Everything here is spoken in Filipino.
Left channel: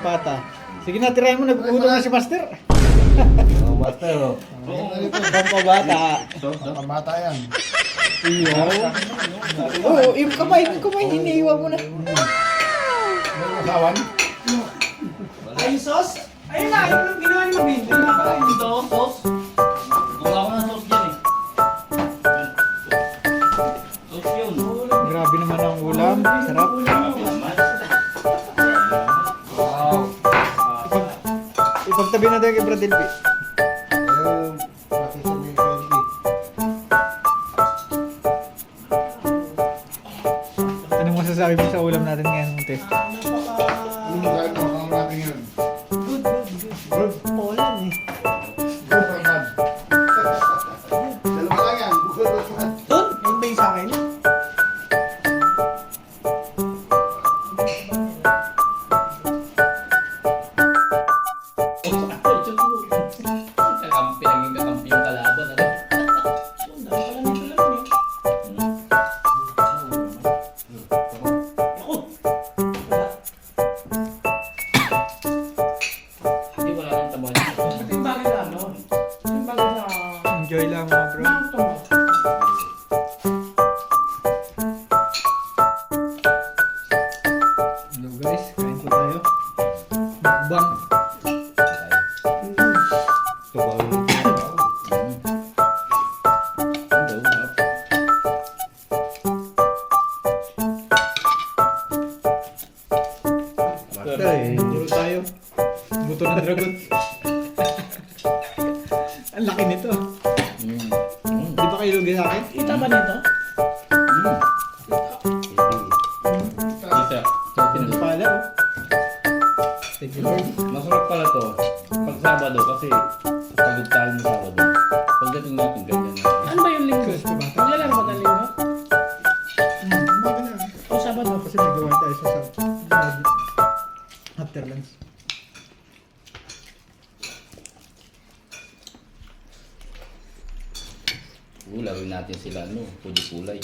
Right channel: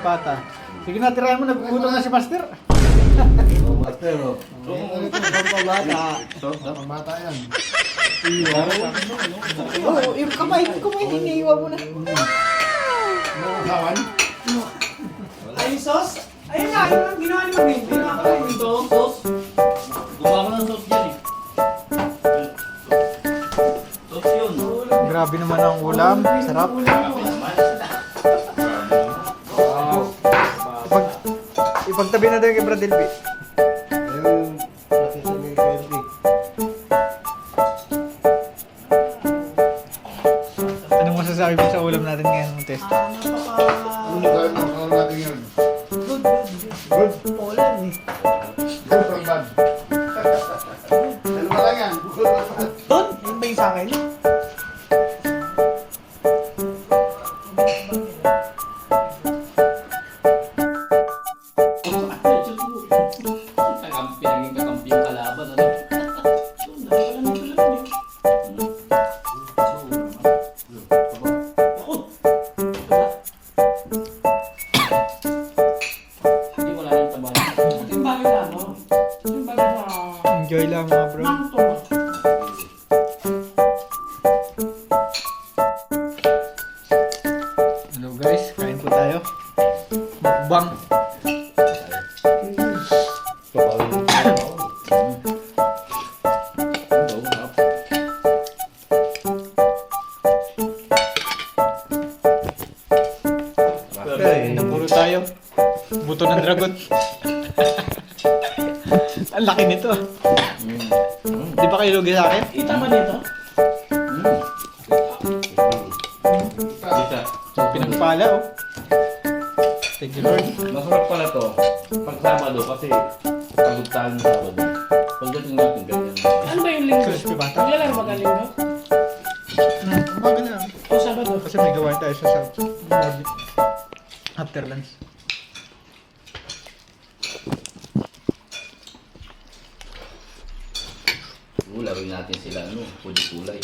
Pata. Sige na, tirahin mo. Nagugutom na si Master. Master, oh. Pampabata. Pamata yan. Oo, yung kamay, iniiwan mo na. Kawan? Ay, sauce? Ayun na, yung ginawa niyo din. Hindi na ako yung Sauce? Gumawa ko ng sauce dyan eh. Sauce yun. Grabe naman ang ulam. Sarap. Wow. Ipagtabi na tayo kay Brad Delby. Ayun. Nakisabi ko yun. Ano masasabi mo sa ulam natin ngayon ng test? Yung gano'n ang natin yun. Good. Good. Ulan eh. Good ang bad. Dalawa lang yan. Good ang bad. Doon? Yung ba yung sa akin? Kakampi, naging kakampi yung kalaban. Ano? Hindi ko lang tabahan. Timbangin na ano? Timbangin na... Enjoy lang mga bro. Mangto. Hello guys, kain po tayo. Mukbang. Okay, puro tayo. Buto ng dragon. Ang laki nito. Di ba kayo lugi sa akin? Kita ba nito? Isa. Pinagpala oh. Thank you Lord. Masarap pala to. Pag Sabado kasi pagod tayo ng Sabado. Pagdating natin ganyan. Ano ba yung linggo? Crispy bata. Wala lang ba ang linggo? Umaga na lang. O Sabado? Kasi may gawain tayo sa morning. After lunch. Lawin natin sila ano, kulay-kulay.